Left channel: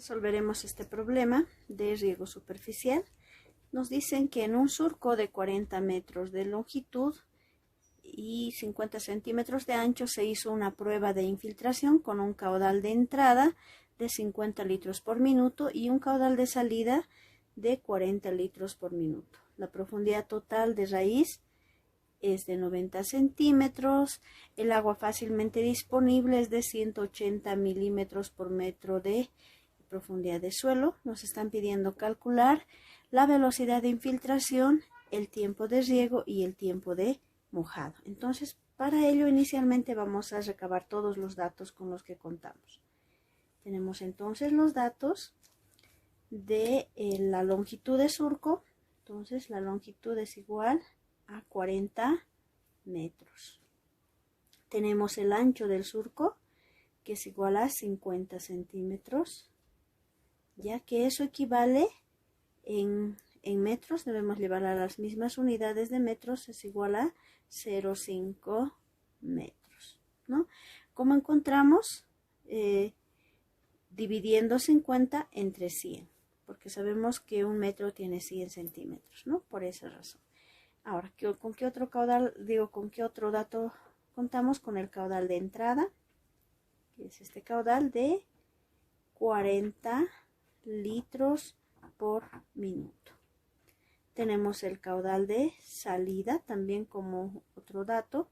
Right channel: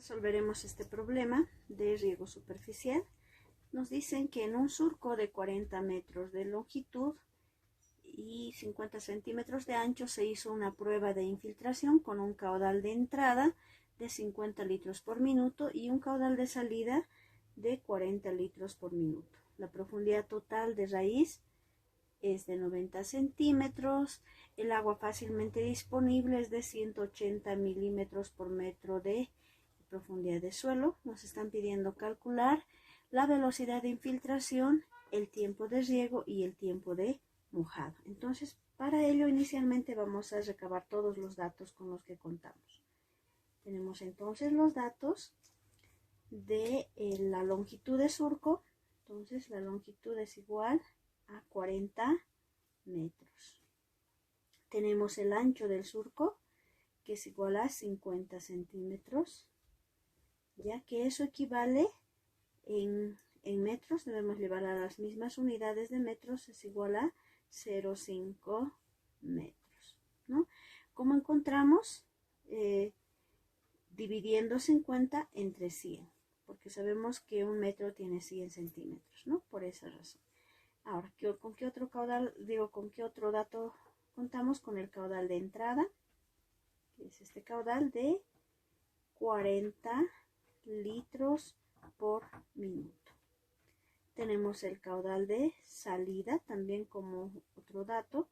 Resolveremos este problema de riego superficial. Nos dicen que en un surco de 40 metros de longitud y 50 centímetros de ancho se hizo una prueba de infiltración con un caudal de entrada de 50 litros por minuto y un caudal de salida de 40 litros por minuto. La profundidad total de raíz es de 90 centímetros. El agua fácilmente disponible es de 180 milímetros por metro de profundidad de suelo. Nos están pidiendo calcular la velocidad de infiltración, el tiempo de riego y el tiempo de mojado. Entonces, para ello inicialmente vamos a recabar todos los datos con los que contamos. Tenemos entonces los datos de la longitud de surco. Entonces la longitud es igual a 40 metros. Tenemos el ancho del surco, que es igual a 50 centímetros. Ya que eso equivale en metros, debemos llevar a las mismas unidades de metros, es igual a 0,5 metros, ¿no? ¿Cómo encontramos? Dividiendo 50 entre 100, porque sabemos que un metro tiene 100 centímetros, ¿no? Por esa razón. Ahora, ¿con qué otro caudal, con qué otro dato contamos? Con el caudal de entrada, que es este caudal de 40 litros por minuto. Tenemos el caudal de salida también como otro dato.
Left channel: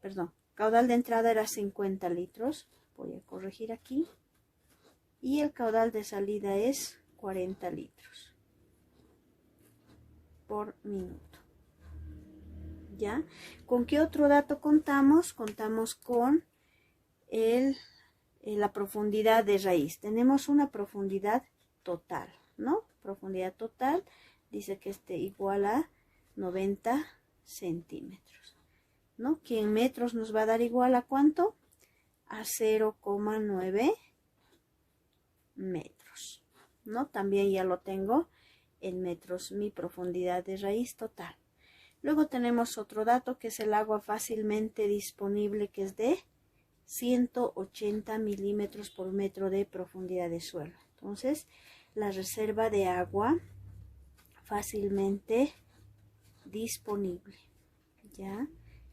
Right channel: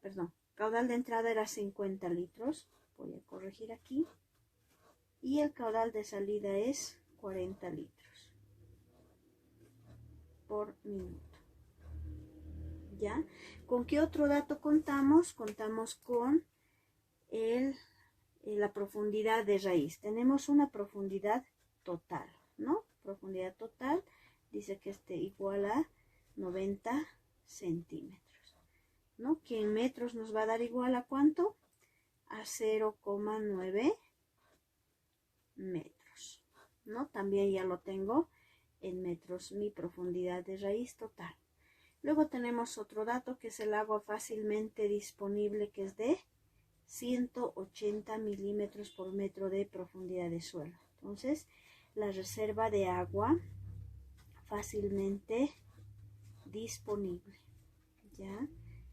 Perdón, caudal de entrada era 50 litros. Voy a corregir aquí. Y el caudal de salida es 40 litros por minuto. ¿Ya? ¿Con qué otro dato contamos? Contamos con la profundidad de raíz. Tenemos una profundidad total, ¿no? Profundidad total dice que esté igual a 90 centímetros, ¿no? Que en metros nos va a dar igual a ¿cuánto? A 0,9 metros, ¿no? También ya lo tengo en metros, mi profundidad de raíz total. Luego tenemos otro dato que es el agua fácilmente disponible, que es de 180 milímetros por metro de profundidad de suelo. Entonces, la reserva de agua fácilmente disponible, ¿ya?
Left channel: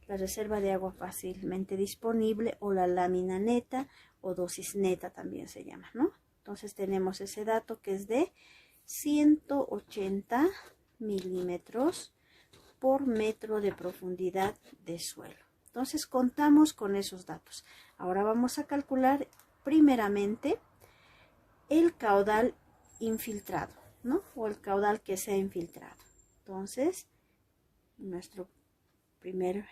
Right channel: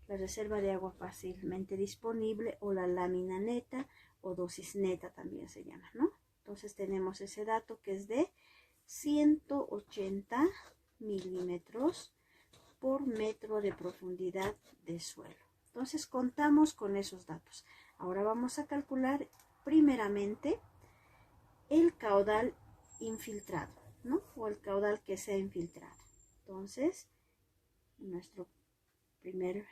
La reserva de agua fácilmente disponible, o la lámina neta, o dosis neta también se llama, ¿no? Entonces tenemos ese dato que es de 180 milímetros por metro de profundidad de suelo. Entonces contamos con esos datos. Ahora vamos a calcular primeramente el caudal infiltrado, ¿no? O el caudal que se ha infiltrado. Entonces, nuestro primer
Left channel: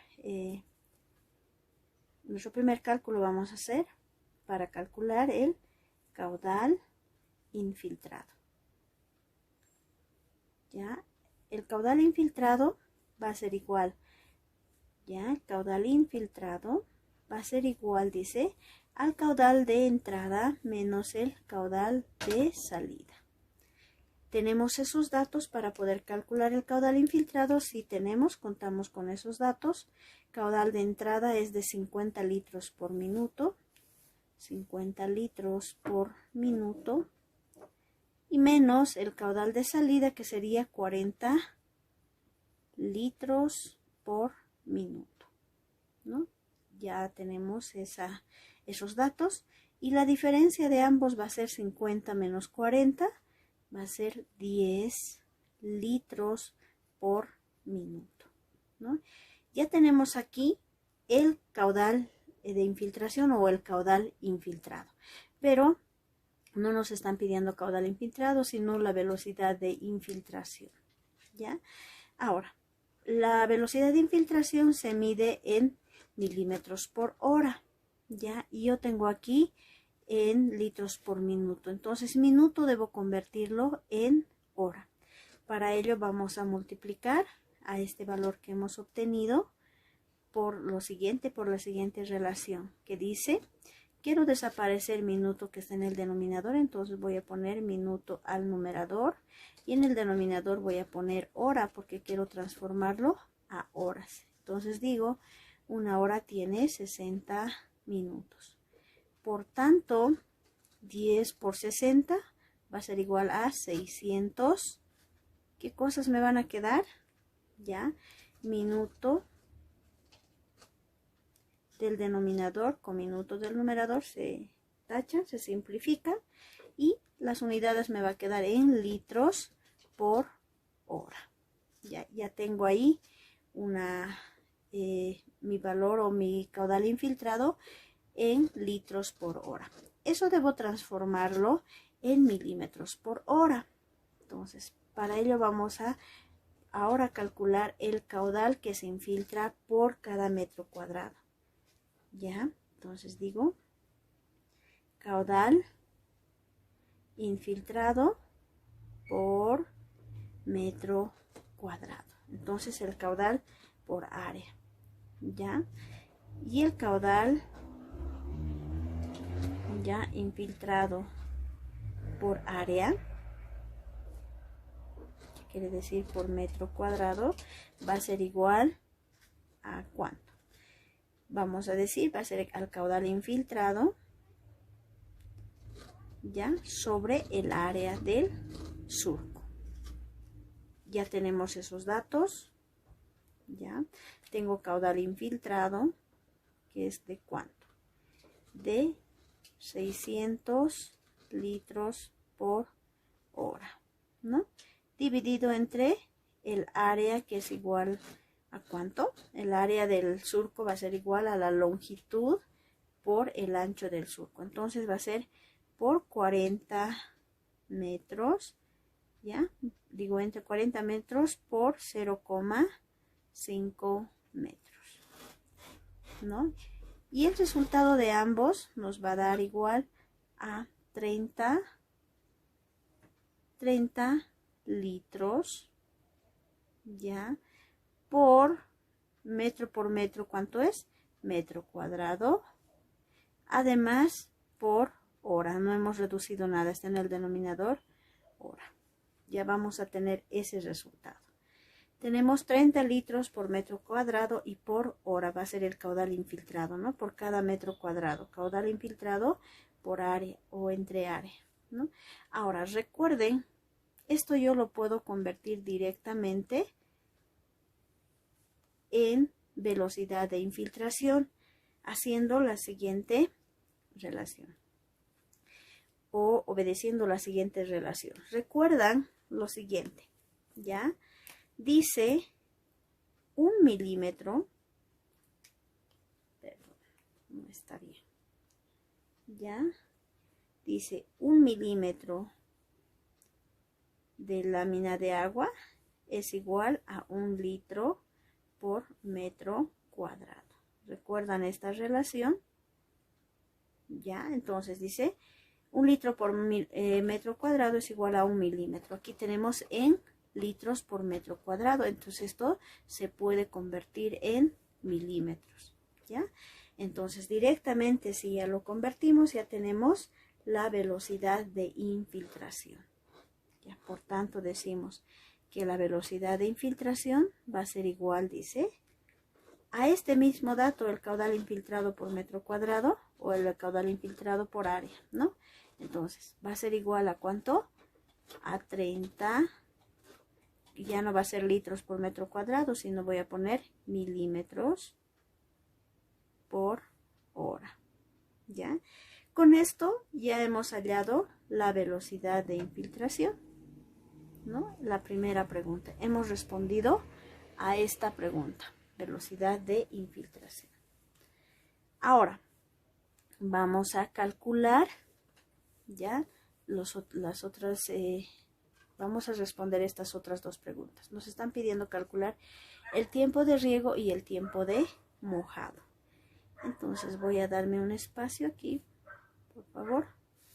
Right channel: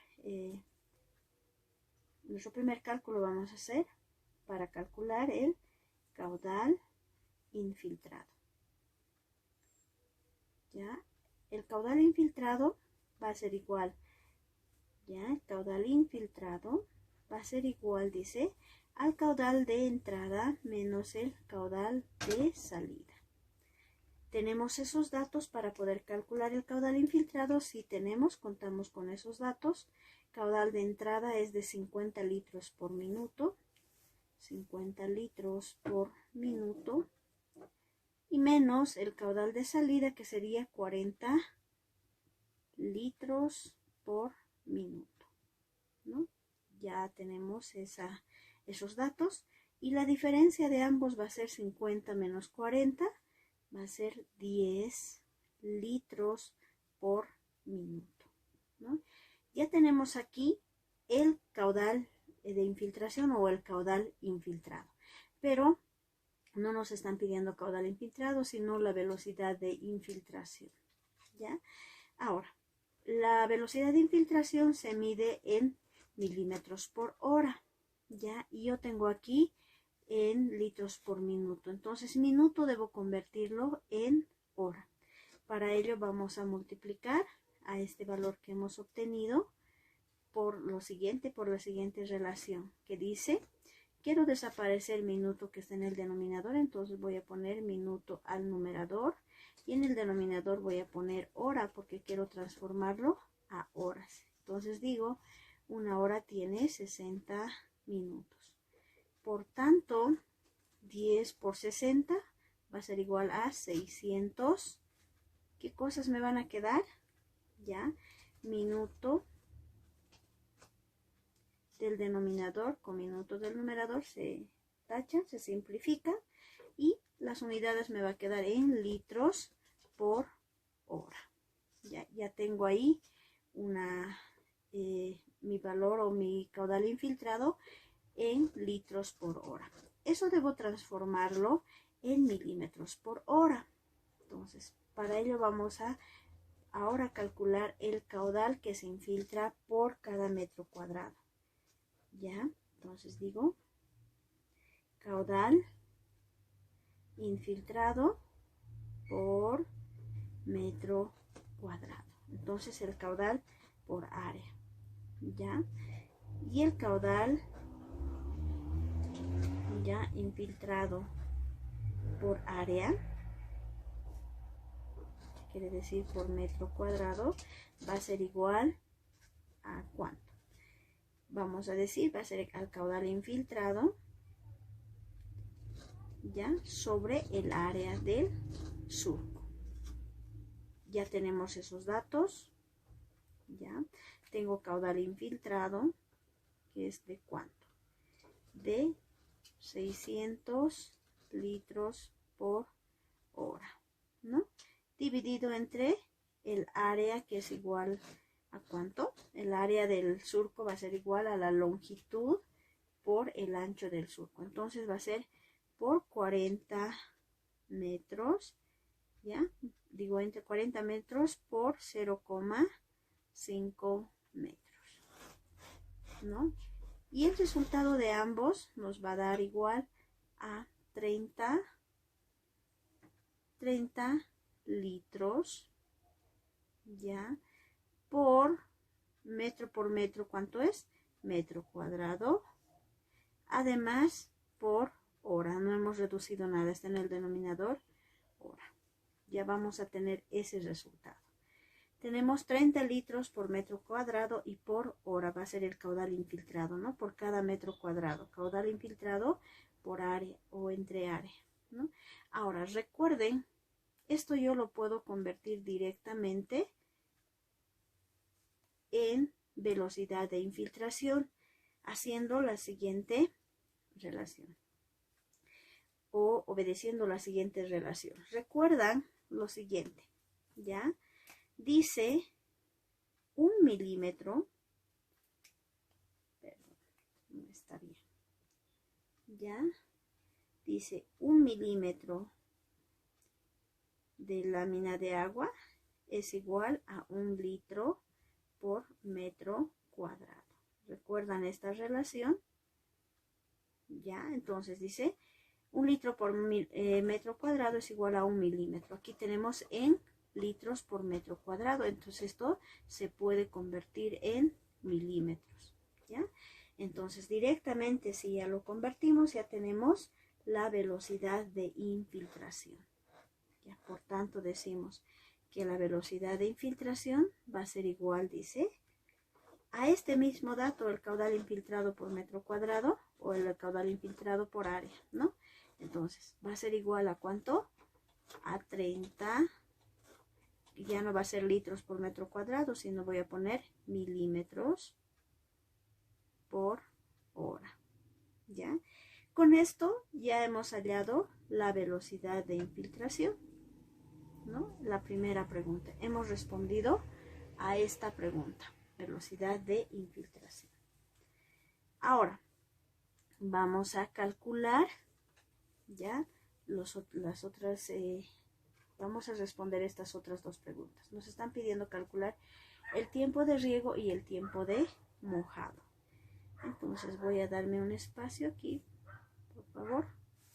cálculo vamos a hacer para calcular el caudal infiltrado. ¿Ya? El caudal infiltrado va a ser igual, ¿ya? El caudal infiltrado va a ser igual, dice, al caudal de entrada menos el caudal de salida. ¿Tenemos esos datos para poder calcular el caudal infiltrado? Sí tenemos, contamos con esos datos. Caudal de entrada es de 50 litros por minuto. 50 litros por minuto. Y menos el caudal de salida, que sería 40 litros por minuto, ¿no? Ya tenemos esos datos. Y la diferencia de ambos va a ser 50 menos 40. Va a ser 10 litros por minuto, ¿no? Ya tenemos aquí el caudal de infiltración o el caudal infiltrado, pero no nos están pidiendo caudal infiltrado, sino la velocidad de infiltración, ¿ya? Ahora, la velocidad de infiltración se mide en milímetros por hora, ¿ya? Y yo tengo aquí en litros por minuto. Entonces, minuto debo convertirlo en hora. Para ello vamos a multiplicar a este valor que hemos obtenido por la siguiente relación, que dice, quiero desaparecer minuto que está en el denominador, entonces voy a poner minuto al numerador y en el denominador voy a poner hora porque quiero transformarlo a horas. Entonces digo, una hora tiene 60 minutos. Por tanto, 10 por 60 va a ser igual a 600. ¿Qué cosas me van a quedar? Ya, minuto del denominador con minuto del numerador se tachan, se simplifica, y las unidades me va a quedar en litros por hora. Ya tengo ahí mi valor o mi caudal infiltrado en litros por hora. Eso debo transformarlo en milímetros por hora. Entonces, para ello vamos a ahora calcular el caudal que se infiltra por cada metro cuadrado. Ya, entonces digo caudal infiltrado por metro cuadrado. Entonces el caudal por área. Ya, y el caudal ya infiltrado por área, que quiere decir por metro cuadrado, va a ser igual a ¿cuánto? Vamos a decir, va a ser al caudal infiltrado ya sobre el área del surco. Ya tenemos esos datos. Ya tengo caudal infiltrado, que es de ¿cuánto? De 600 litros por hora, ¿no? Dividido entre el área, que es igual a ¿cuánto? El área del surco va a ser igual a la longitud por el ancho del surco. Entonces va a ser por 40 metros, ¿ya? Digo entre 40 metros por 0,5 metros, ¿no? Y el resultado de ambos nos va a dar igual a 30 litros, ¿ya? Por metro, ¿cuánto es? Metro cuadrado. Además, por hora. No hemos reducido nada, está en el denominador hora. Ya vamos a tener ese resultado. Tenemos 30 litros por metro cuadrado y por hora va a ser el caudal infiltrado, ¿no? Por cada metro cuadrado. Caudal infiltrado por área o entre área, ¿no? Ahora, recuerden, esto yo lo puedo convertir directamente en velocidad de infiltración haciendo la siguiente relación o obedeciendo la siguiente relación. Recuerdan lo siguiente, ¿ya? Dice 1 milímetro, perdón, no está bien, ¿ya? Dice 1 milímetro de lámina de agua es igual a 1 litro por metro cuadrado. ¿Recuerdan esta relación? Ya, entonces dice 1 litro por metro cuadrado es igual a 1 milímetro. Aquí tenemos en litros por metro cuadrado, entonces esto se puede convertir en milímetros, ¿ya? Entonces directamente, si ya lo convertimos, ya tenemos la velocidad de infiltración, ¿ya? Por tanto decimos que la velocidad de infiltración va a ser igual, dice, a este mismo dato, el caudal infiltrado por metro cuadrado o el caudal infiltrado por área, ¿no? Entonces va a ser igual a ¿cuánto? A 30, y ya no va a ser litros por metro cuadrado, sino voy a poner milímetros por hora, ¿ya? Con esto ya hemos hallado la velocidad de infiltración, ¿no? La primera pregunta. Hemos respondido a esta pregunta, velocidad de infiltración. Ahora, vamos a calcular ya las otras, vamos a responder estas otras dos preguntas. Nos están pidiendo calcular el tiempo de riego y el tiempo de mojado. Entonces voy a darme un espacio aquí, por favor,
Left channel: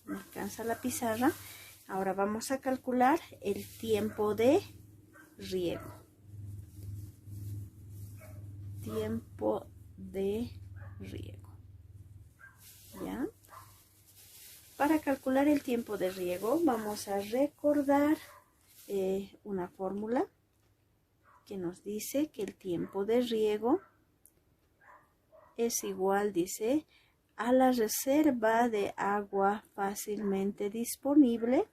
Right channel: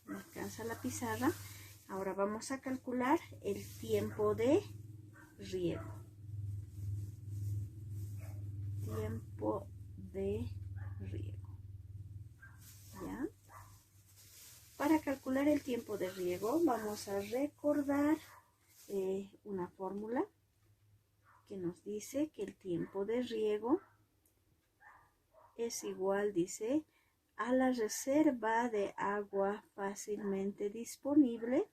me alcanza la pizarra. Ahora vamos a calcular el tiempo de riego. Tiempo de riego, ¿ya? Para calcular el tiempo de riego vamos a recordar una fórmula que nos dice que el tiempo de riego es igual, dice, a la reserva de agua fácilmente disponible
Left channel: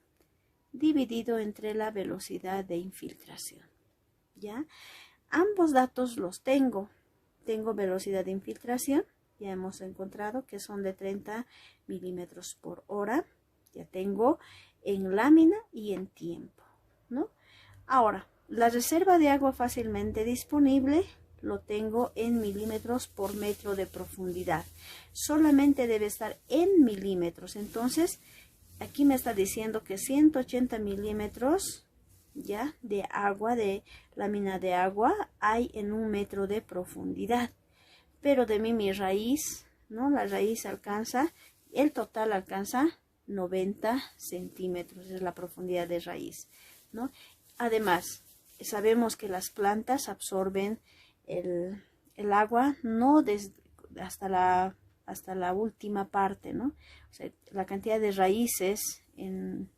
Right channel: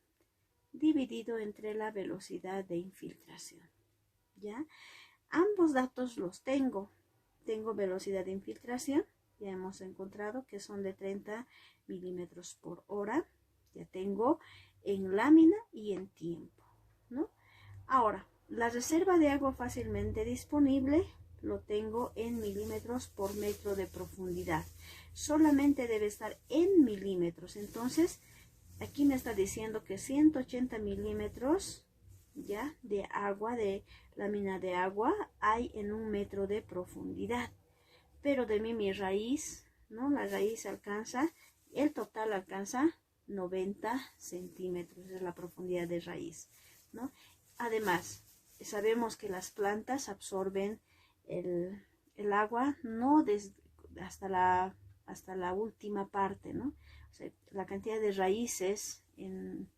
dividido entre la velocidad de infiltración. ¿Ya? Ambos datos los tengo. Tengo velocidad de infiltración, ya hemos encontrado que son de 30 milímetros por hora. Ya tengo en lámina y en tiempo, ¿no? Ahora, la reserva de agua fácilmente disponible lo tengo en milímetros por metro de profundidad. Solamente debe estar en milímetros. Entonces, aquí me está diciendo que 180 milímetros ya de agua, de lámina de agua, hay en 1 metro de profundidad. Pero de mi raíz, ¿no? La raíz alcanza, el total alcanza 90 centímetros, es la profundidad de raíz, ¿no? Además, sabemos que las plantas absorben el agua no hasta la última parte, ¿no? O sea, la cantidad de raíces en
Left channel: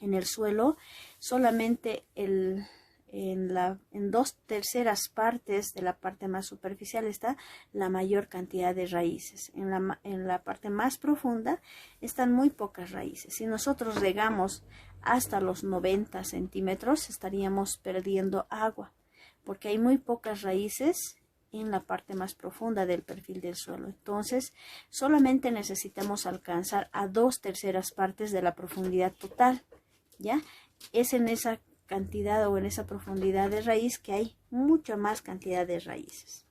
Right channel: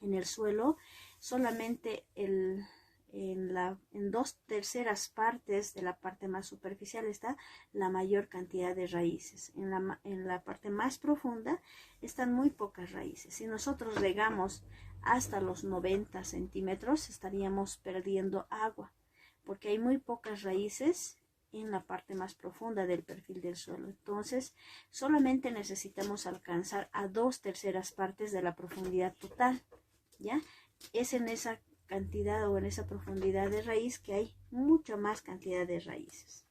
el suelo, solamente en 2/3 partes de la parte más superficial está la mayor cantidad de raíces. En la parte más profunda están muy pocas raíces. Si nosotros regamos hasta los 90 centímetros, estaríamos perdiendo agua, porque hay muy pocas raíces en la parte más profunda del perfil del suelo. Entonces, solamente necesitamos alcanzar a 2/3 partes de la profundidad total, ¿ya? Es en esa cantidad o en esa profundidad de raíz que hay mucha más cantidad de raíces.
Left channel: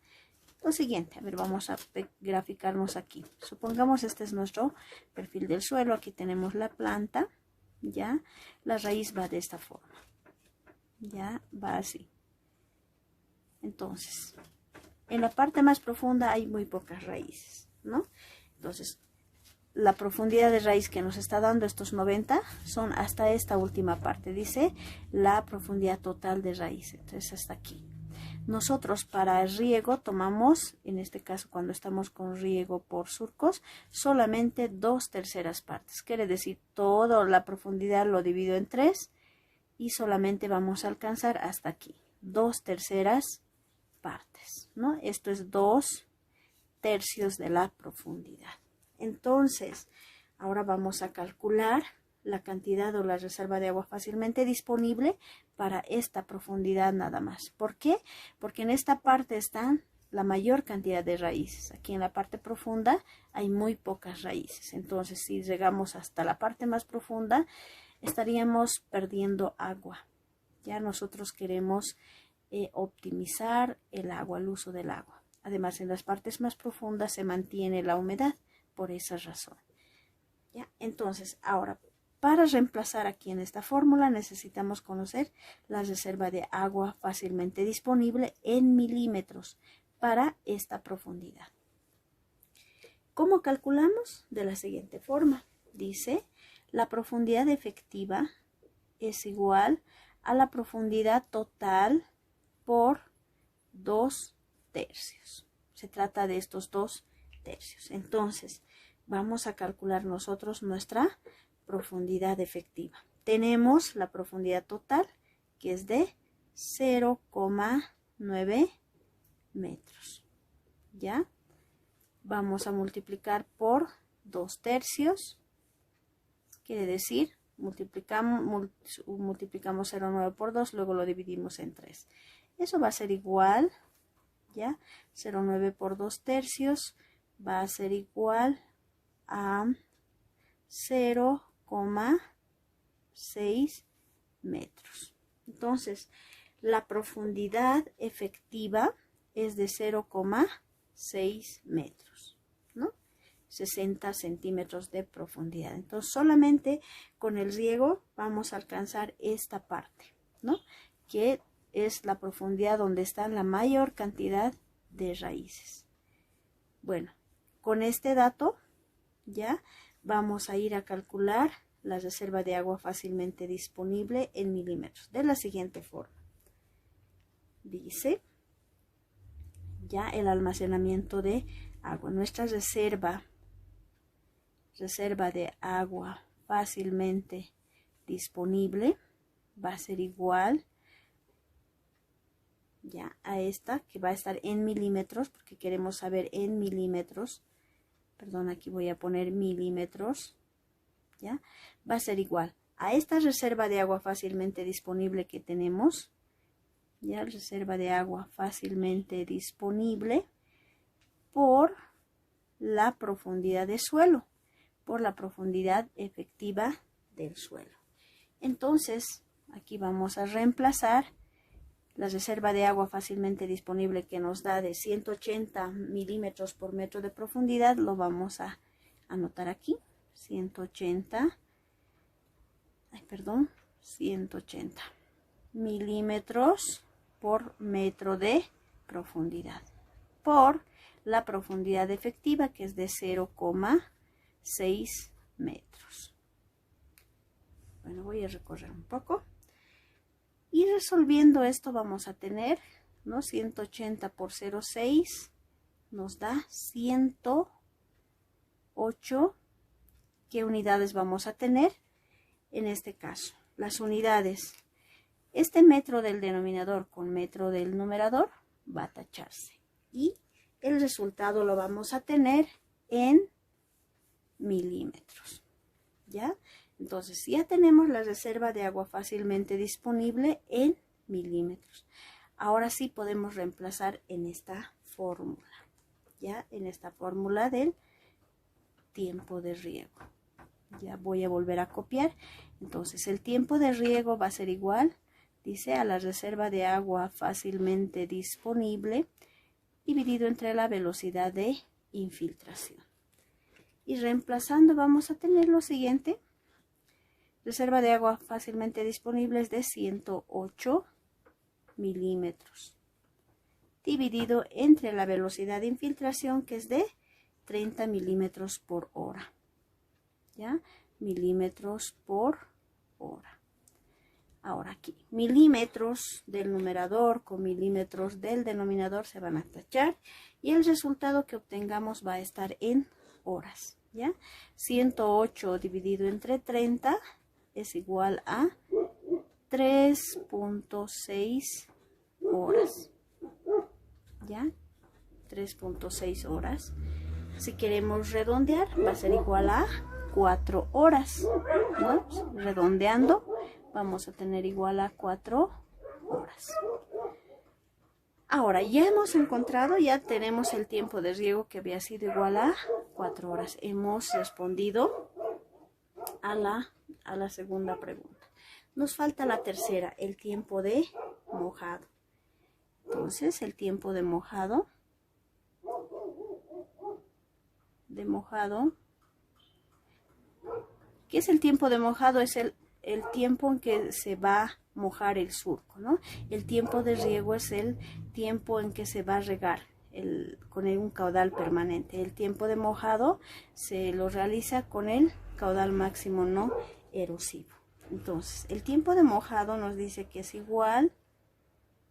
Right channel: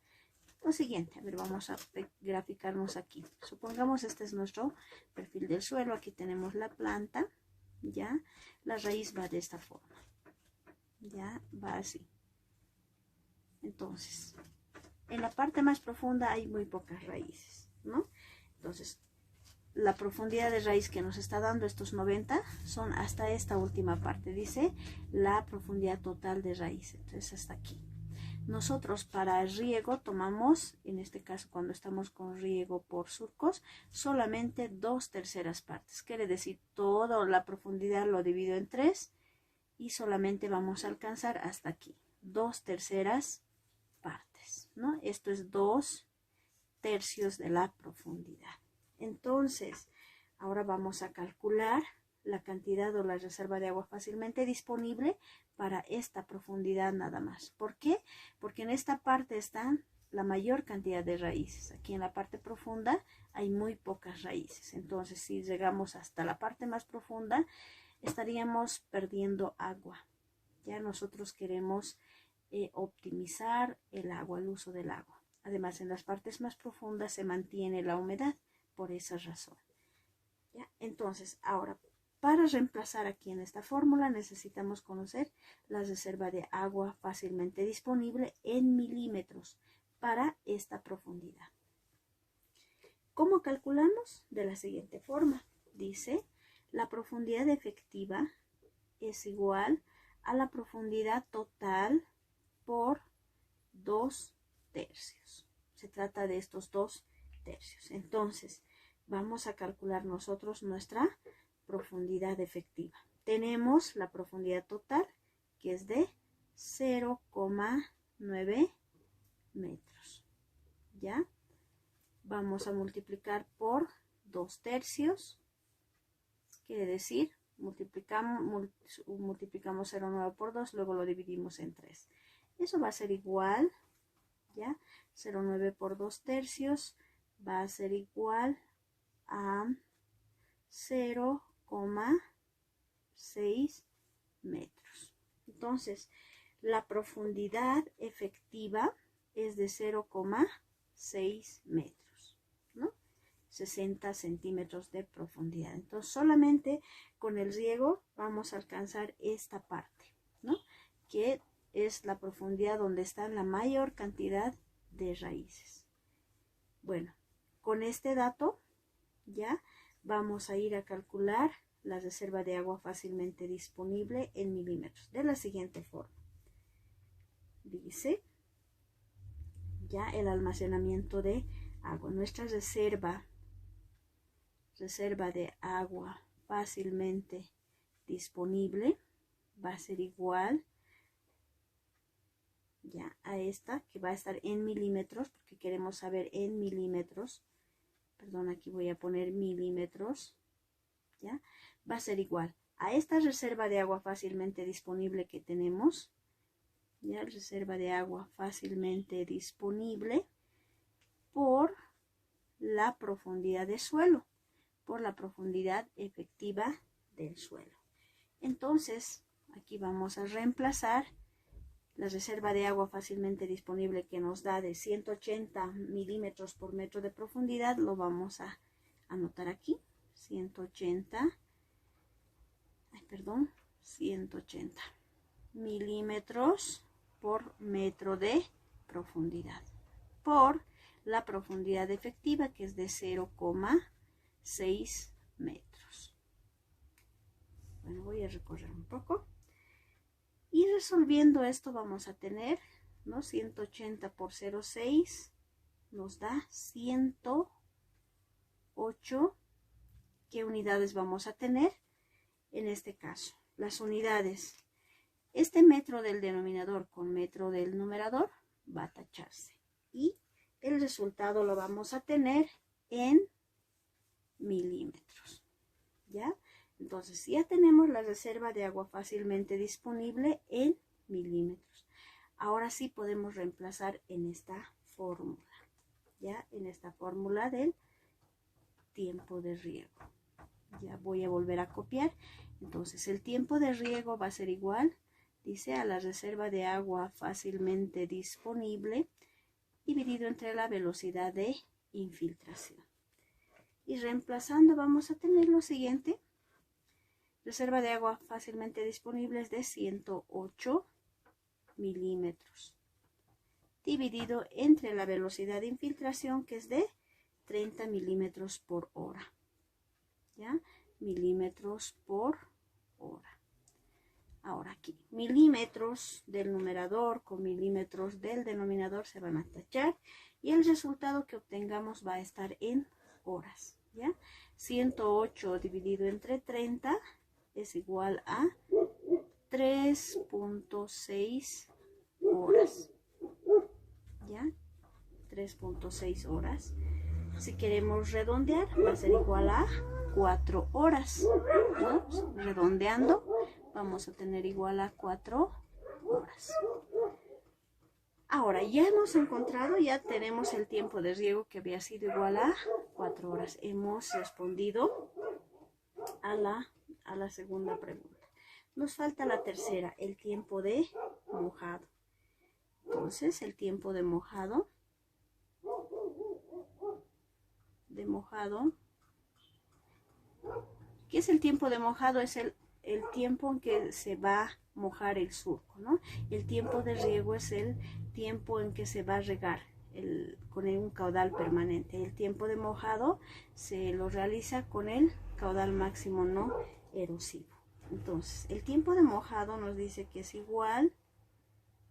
Lo siguiente, a ver, vamos a graficarnos aquí. Supongamos este es nuestro perfil del suelo. Aquí tenemos la planta, ¿ya? La raíz va de esta forma, ¿ya? Va así. Entonces, en la parte más profunda hay muy pocas raíces, ¿no? Entonces, la profundidad de raíz que nos está dando estos 90 son hasta esta última parte. Dice la profundidad total de raíz. Entonces, hasta aquí. Nosotros para el riego tomamos, en este caso cuando estamos con riego por surcos, solamente 2/3 partes. Quiere decir, toda la profundidad lo divido en 3 y solamente vamos a alcanzar hasta aquí. 2/3 partes, ¿no? Esto es 2/3 de la profundidad. Entonces, ahora vamos a calcular la cantidad o la reserva de agua fácilmente disponible para esta profundidad nada más. ¿Por qué? Porque en esta parte están la mayor cantidad de raíces. Aquí en la parte profunda hay muy pocas raíces. Entonces, si llegamos hasta la parte más profunda, estaríamos perdiendo agua. Ya nosotros queremos optimizar el agua, el uso del agua. Además, en las partes más profundas se mantiene la humedad por esa razón. ¿Ya? Entonces, ahora, para reemplazar aquí en esta fórmula necesitamos conocer la reserva de agua fácilmente disponible en milímetros para esta profundidad. ¿Cómo calculamos? De la siguiente forma. Dice, la profundidad efectiva es igual a la profundidad total por 2/3. Se trata de estos 2/3. Entonces, vamos a calcular nosotros nuestra profundidad efectiva. Tenemos la profundidad total, que es de 0,9 metros. ¿Ya? Vamos a multiplicar por 2/3. Quiere decir, multiplicamos 0,9 por 2, luego lo dividimos en 3. Eso va a ser igual, ¿ya? 0,9 por 2/3 va a ser igual a 0,6 metros. Entonces, la profundidad efectiva es de 0,6 metros, ¿no? 60 centímetros de profundidad. Entonces, solamente con el riego vamos a alcanzar esta parte, ¿no? Que es la profundidad donde está la mayor cantidad de raíces. Bueno, con este dato ya vamos a ir a calcular la reserva de agua fácilmente disponible en milímetros de la siguiente forma. Dice ya el almacenamiento de agua. Nuestra reserva de agua fácilmente disponible va a ser igual ya a esta, que va a estar en milímetros, porque queremos saber en milímetros perdón, aquí voy a poner milímetros, ¿ya? Va a ser igual a esta reserva de agua fácilmente disponible que tenemos, ya, reserva de agua fácilmente disponible por la profundidad de suelo, por la profundidad efectiva del suelo. Entonces, aquí vamos a reemplazar la reserva de agua fácilmente disponible que nos da de 180 milímetros por metro de profundidad, lo vamos a anotar aquí, 180 milímetros por metro de profundidad, por la profundidad efectiva que es de 0,6 metros. Bueno, voy a recorrer un poco. Y resolviendo esto vamos a tener, ¿no? 180 por 0,6 nos da 108. ¿Qué unidades vamos a tener? En este caso, las unidades, este metro del denominador con metro del numerador va a tacharse. Y el resultado lo vamos a tener en milímetros, ¿ya? Entonces ya tenemos la reserva de agua fácilmente disponible en milímetros. Ahora sí podemos reemplazar en esta fórmula, ya en esta fórmula del tiempo de riego. Ya voy a volver a copiar. Entonces el tiempo de riego va a ser igual, dice, a la reserva de agua fácilmente disponible dividido entre la velocidad de infiltración. Y reemplazando vamos a tener lo siguiente. Reserva de agua fácilmente disponible es de 108 milímetros dividido entre la velocidad de infiltración que es de 30 milímetros por hora, ¿ya? Milímetros por hora. Ahora aquí, milímetros del numerador con milímetros del denominador se van a tachar y el resultado que obtengamos va a estar en horas, ¿ya? 108 dividido entre 30 es igual a 3.6 horas, ¿ya? 3.6 horas. Si queremos redondear, va a ser igual a 4 horas, ¿no? Redondeando, vamos a tener igual a 4 horas. Ahora, ya hemos encontrado, ya tenemos el tiempo de riego que había sido igual a 4 horas. Hemos respondido a la segunda pregunta. Nos falta la tercera, el tiempo de mojado. Entonces, el tiempo de mojado, ¿qué es el tiempo de mojado? Es el tiempo en que se va a mojar el surco, ¿no? El tiempo de riego es el tiempo en que se va a regar con un caudal permanente. El tiempo de mojado se lo realiza con el caudal máximo no erosivo. Entonces, el tiempo de mojado nos dice que es igual,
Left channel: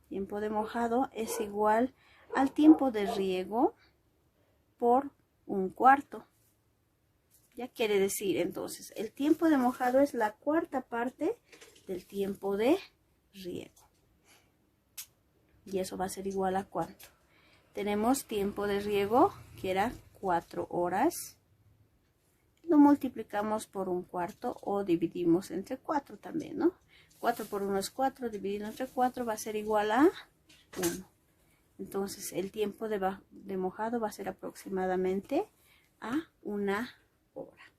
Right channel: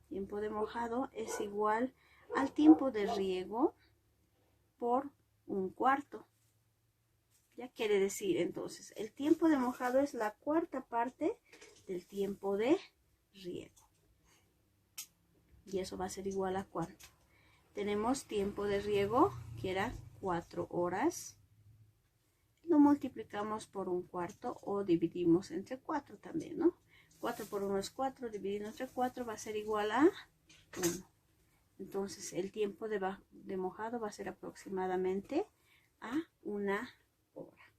tiempo de mojado es igual al tiempo de riego por 1/4. Ya quiere decir, entonces, el tiempo de mojado es la cuarta parte del tiempo de riego. Y eso va a ser igual a ¿cuánto? Tenemos tiempo de riego que era 4 horas. Lo multiplicamos por 1/4 o dividimos entre 4 también, ¿no? 4 por 1 es 4, dividido entre 4 va a ser igual a 1. Entonces, el tiempo de mojado va a ser aproximadamente a 1 hora.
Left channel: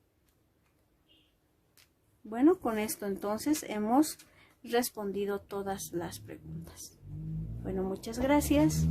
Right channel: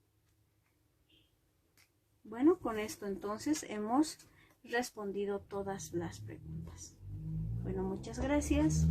Bueno, con esto entonces hemos respondido todas las preguntas. Bueno, muchas gracias.